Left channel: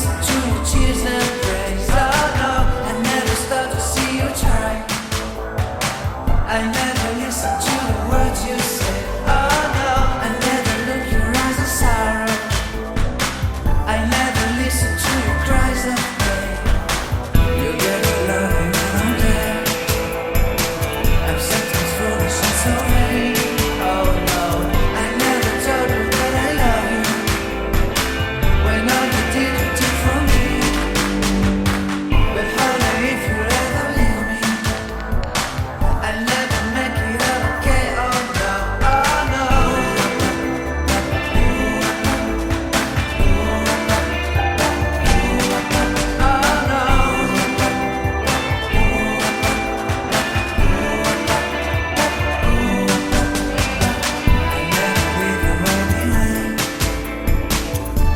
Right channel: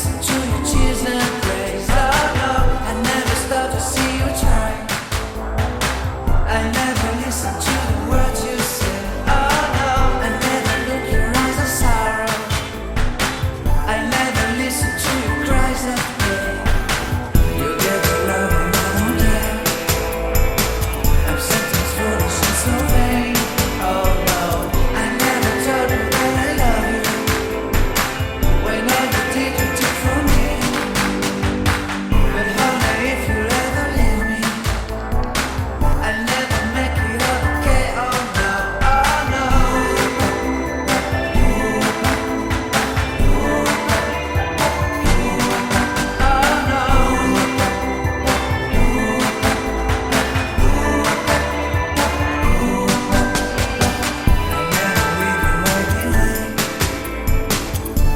listen to your cheers and praise. Oh no, I never stop to see you try. I never listen to the words you say. Oh no, I never look your eyes of sorrow. I never listen to your cries of pain. You get the loving, I don't care. I'm sometimes foolish and so vain. Oh no, I never told you that I love you, when all you did you took from me. But honey, if you ever leave me, I'll never make it up, okay? Oh no, oh no. Oh no. I'll never leave you waiting.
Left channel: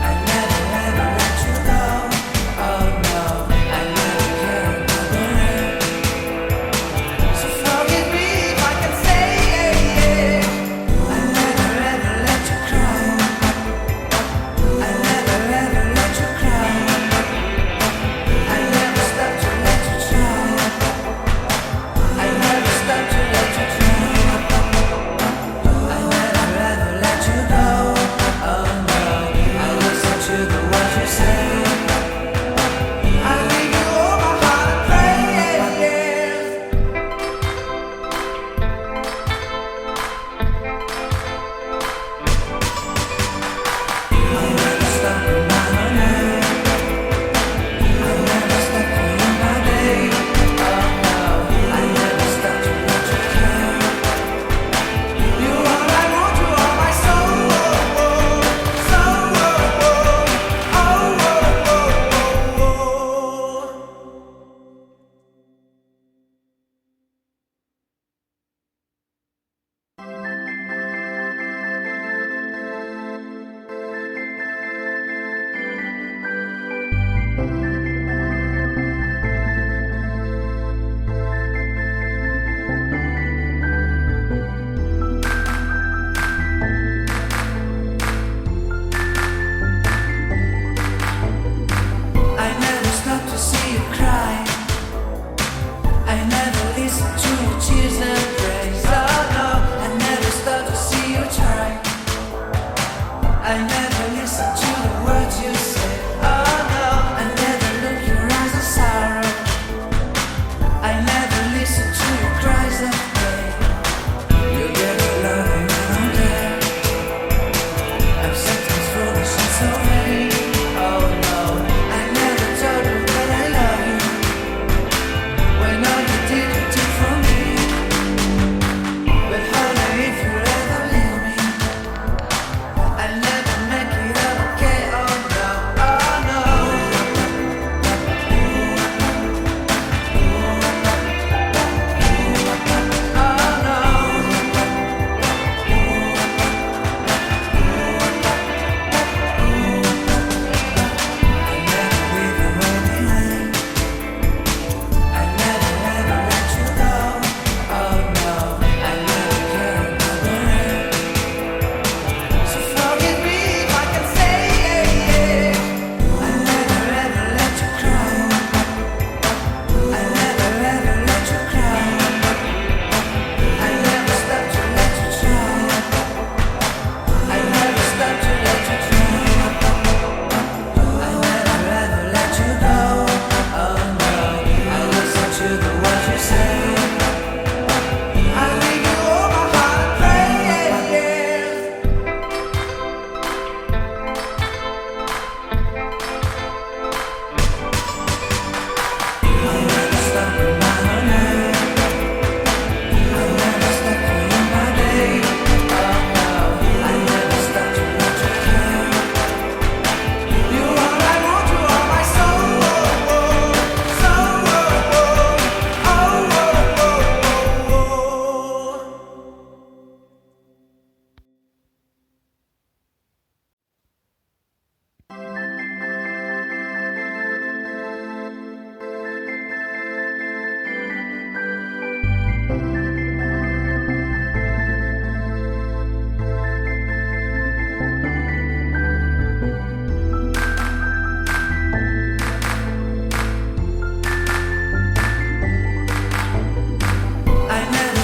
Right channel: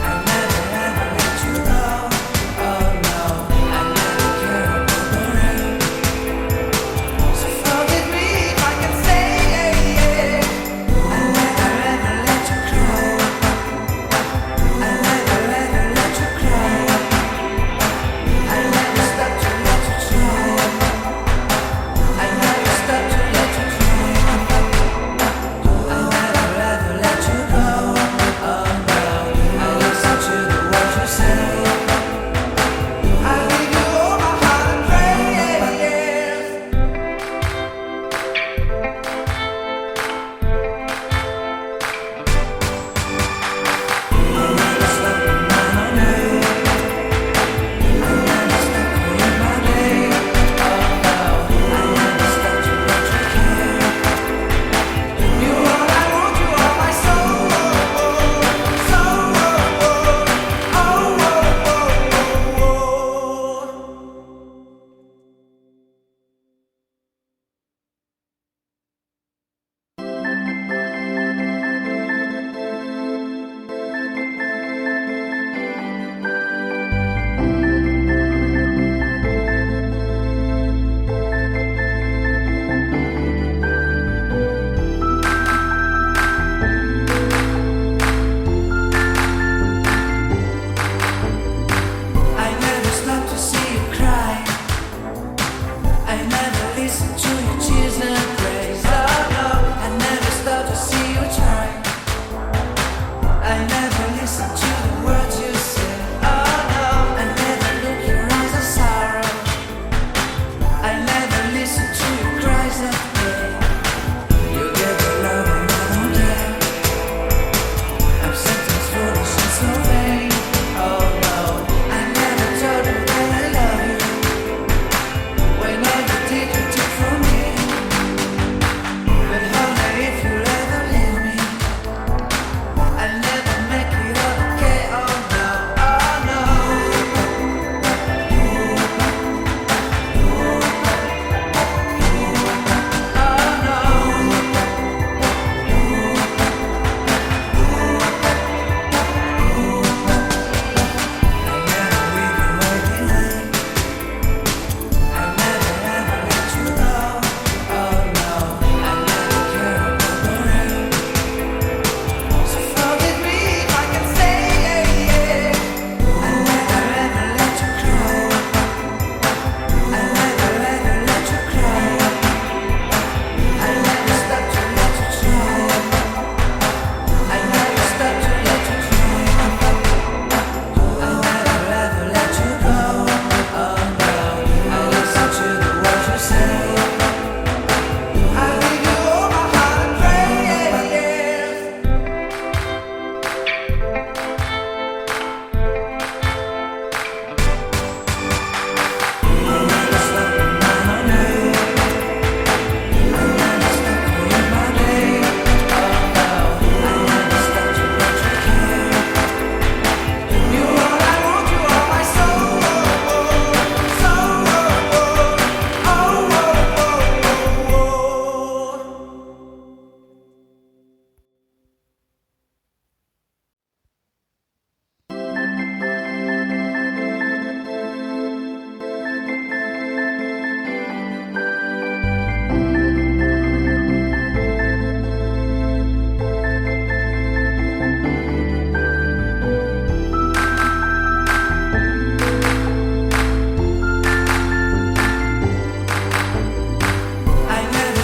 I'll never ever let you go. Oh no, I'll never care about the rain.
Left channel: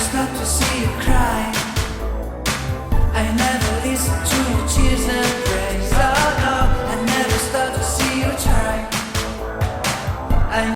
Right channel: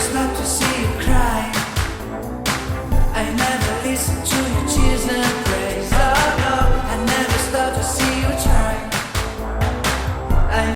stop to see you cry.